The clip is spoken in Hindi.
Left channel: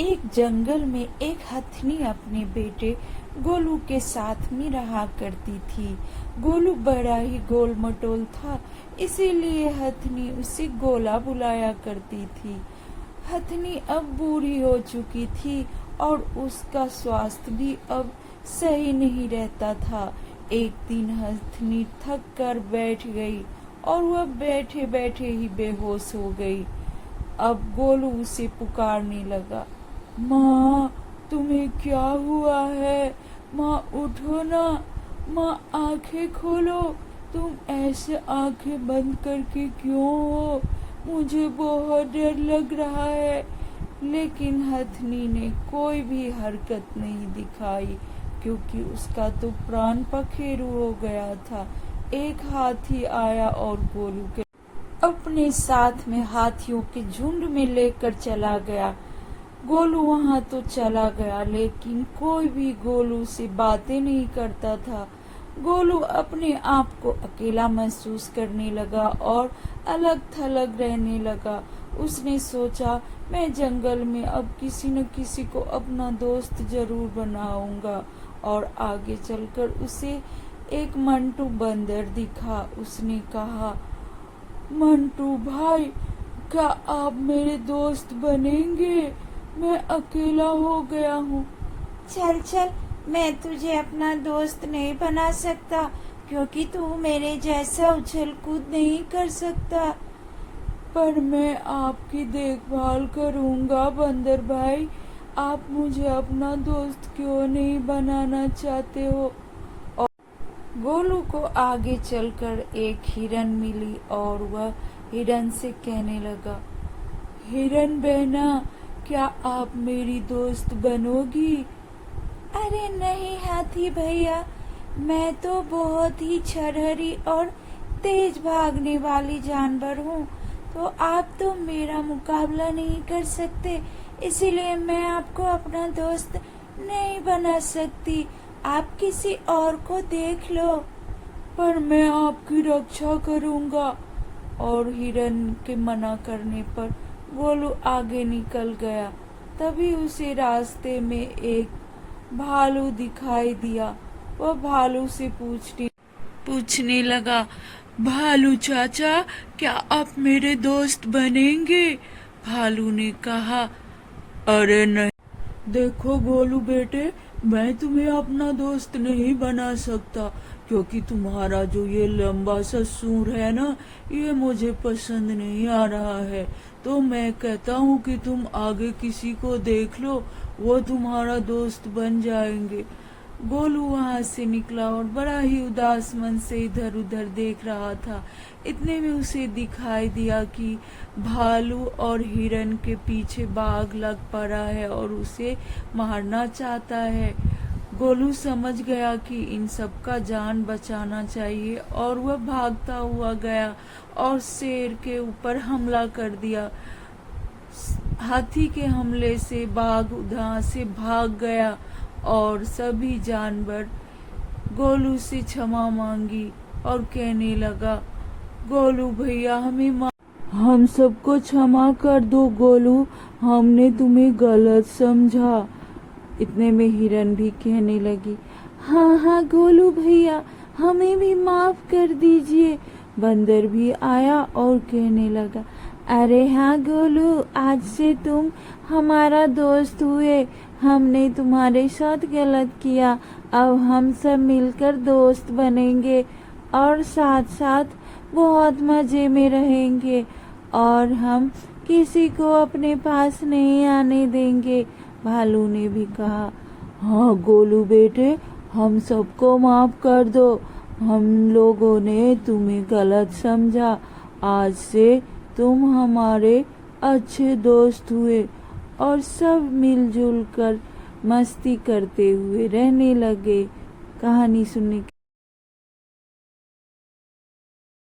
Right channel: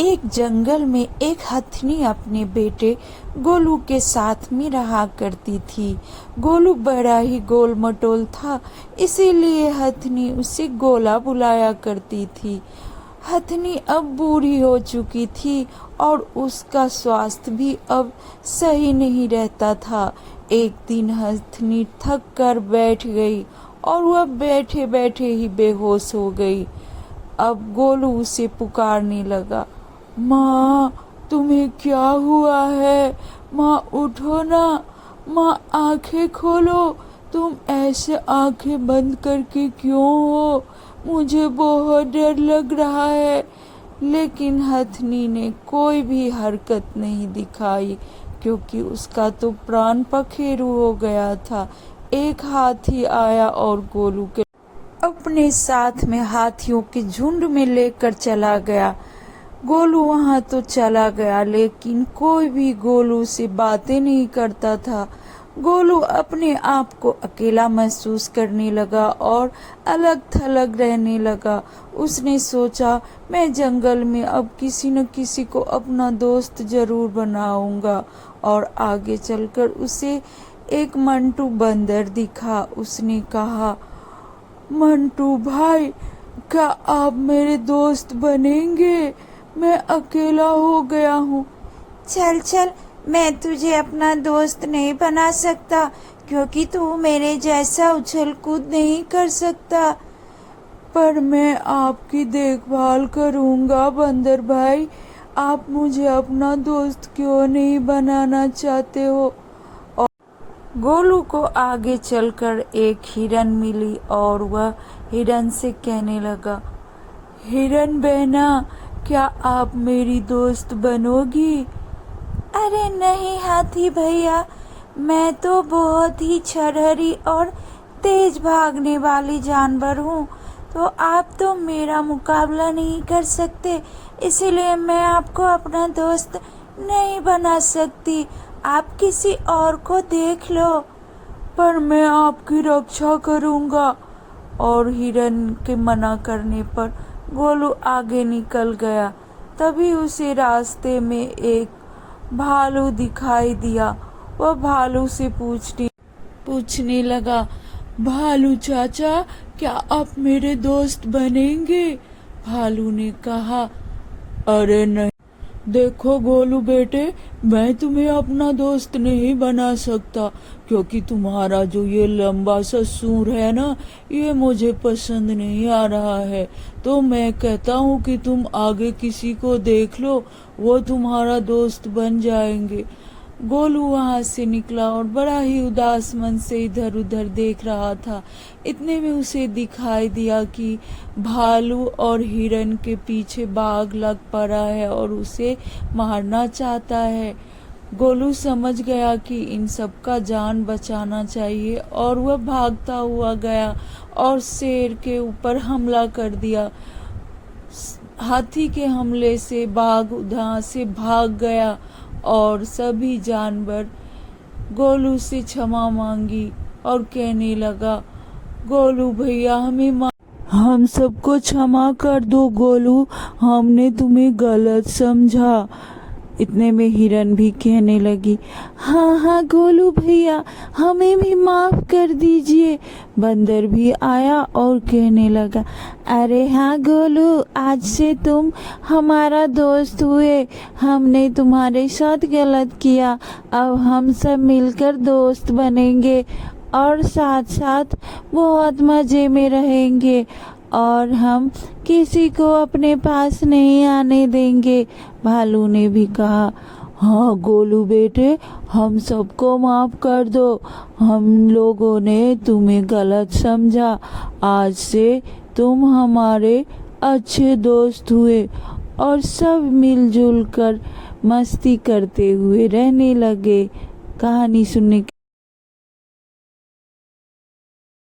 एक जंगल में एक हथनी अपने बेटे गोलू के साथ में रहा करती थी। गोलू बड़ा ही गोल मटोल था, इसीलिए हथनी उसे गोला बुलाया करती थी। हथनी अब बूढ़ी हो चुकी थी और उसका स्वास्थ्य भी अब सही नहीं रहता था। एक दिन हथनी थक कर बैठ गई और वह बैठे बैठे ही बेहोश हो गई। अब गोलू उसे पुकारने लगा, माँ तुम्हें क्या हुआ है? माँ उठो ना, माँ आंखें खोलो, तुम ऐसे आंखें बंद करके क्यों हो? मुझे बहुत डर लग रहा है। लेकिन हथनी ने कोई भी हरकत नहीं दिखाई, क्योंकि उसका तो प्राण पखेरु हो गया था। एक हाथी आया और गोलू के अपने साथ में हाथियों के झुंड में लेकर चला गया। गोलू वहां तो चला गया, लेकिन कोई भी गोलू से बातें नहीं करता था। गोलू अपने आप को अकेला महसूस करने लगा और अलग थलग रहने लगा। उसने सोचा, मैं जंगल में अब किसी न किसी को अपना दोस्त जरूर बनाऊंगा। और आगे चलकर उसे एक मंटू बंदर दिखा। उसने कहा, मंटू भाई, क्या आप मेरे दोस्त बनेंगे? मैं अकेला हो गया हूँ। चल चल, मैं तुझे अपना दोस्त नहीं बना सकता, क्योंकि तू मेरे जैसा उछल कूद नहीं कर सकता। पर मैं आपकी देखभाल करूँगा बंदर भाई। आप मुझे अपना दोस्त क्यों नहीं बनाना चाहते हो? और गोलू को आगे चलकर एक हिरन मिली और वह हिरन से कहने लगा, हिरन बहना, क्या आप मेरी दोस्त बनोगी? अरे नहीं हाथी भैया, मैं तो बहुत ही छरहरी और तेज भागने वाली जानवर हूँ, तो आप तो मेरा मुकाबला नहीं कर सकते, इसीलिए मैं आपको अपना दोस्त नहीं बना सकती। आप किसी और को देख लो। पर मैं आपकी रक्षा करूँगा। और हिरन के मना करने पर गोलू आगे निकल गया। तभी उसे रास्ते में एक भालू दिखाई दिया। वह भालू से पूछने लगा, भालू चाचा, क्या आप मेरे दोस्त बनेंगे? भालू ने कहा, अरे नहीं, देखो गोलू बेटे, मैं तुम्हें अपना दोस्त नहीं बना सकता, क्योंकि तुम्हारा जो ये लंबा सा सूंड है ना, ये मुझे पसंद नहीं आ रहा है। तो मैं कहता हूँ कि तुम आगे किसी को देख लो, वो तुम्हारा दोस्त बन जाएंगे। गोलू वहां से निकला और बड़ा ही उदास मन से इधर उधर देख रहा था। इतने में उसे दिखाई दिया कि भालू और हिरन के पीछे बाघ लग पड़ा है और उसे मारना चाहता है। गोलू समझ गया कि इन सब का जान बचाना चाहिए और वह भागता हुआ गया और शेर के ऊपर हमला कर दिया। हाथी के हमले से बाघ उधर से भाग गया और सभी जानवर गोलू से क्षमा मांगी और कहने लगा, गोलू भैया, हम सबको क्षमा कर दो गोलू, हमने तुम्हें गलत समझा। इतने में हिरन भी कहने लगी, हाँ हाँ गोलू भैया, हमें भी माफ कर दीजिए। बंदर भी आया और कहने लगा, अरे हाँ गोलू, आज से तुम हमारा दोस्त हुए, हमने तुम्हारे साथ गलत किया, अब हम सब मिलकर दोस्त बनेंगे और साथ साथ बहुत मजे में रहेंगे और हम किसी को अपने पास नहीं आने देंगे। भालू ने भी कहा, हाँ गोलू बेटे, हम सबको माफ कर दो, हम लोगों ने तुम्हें गलत समझा, आज से तुम हमारे अच्छे दोस्त हुए। और सब मिलजुल कर मस्ती करते हुए रहने लगे। कहानी सुनने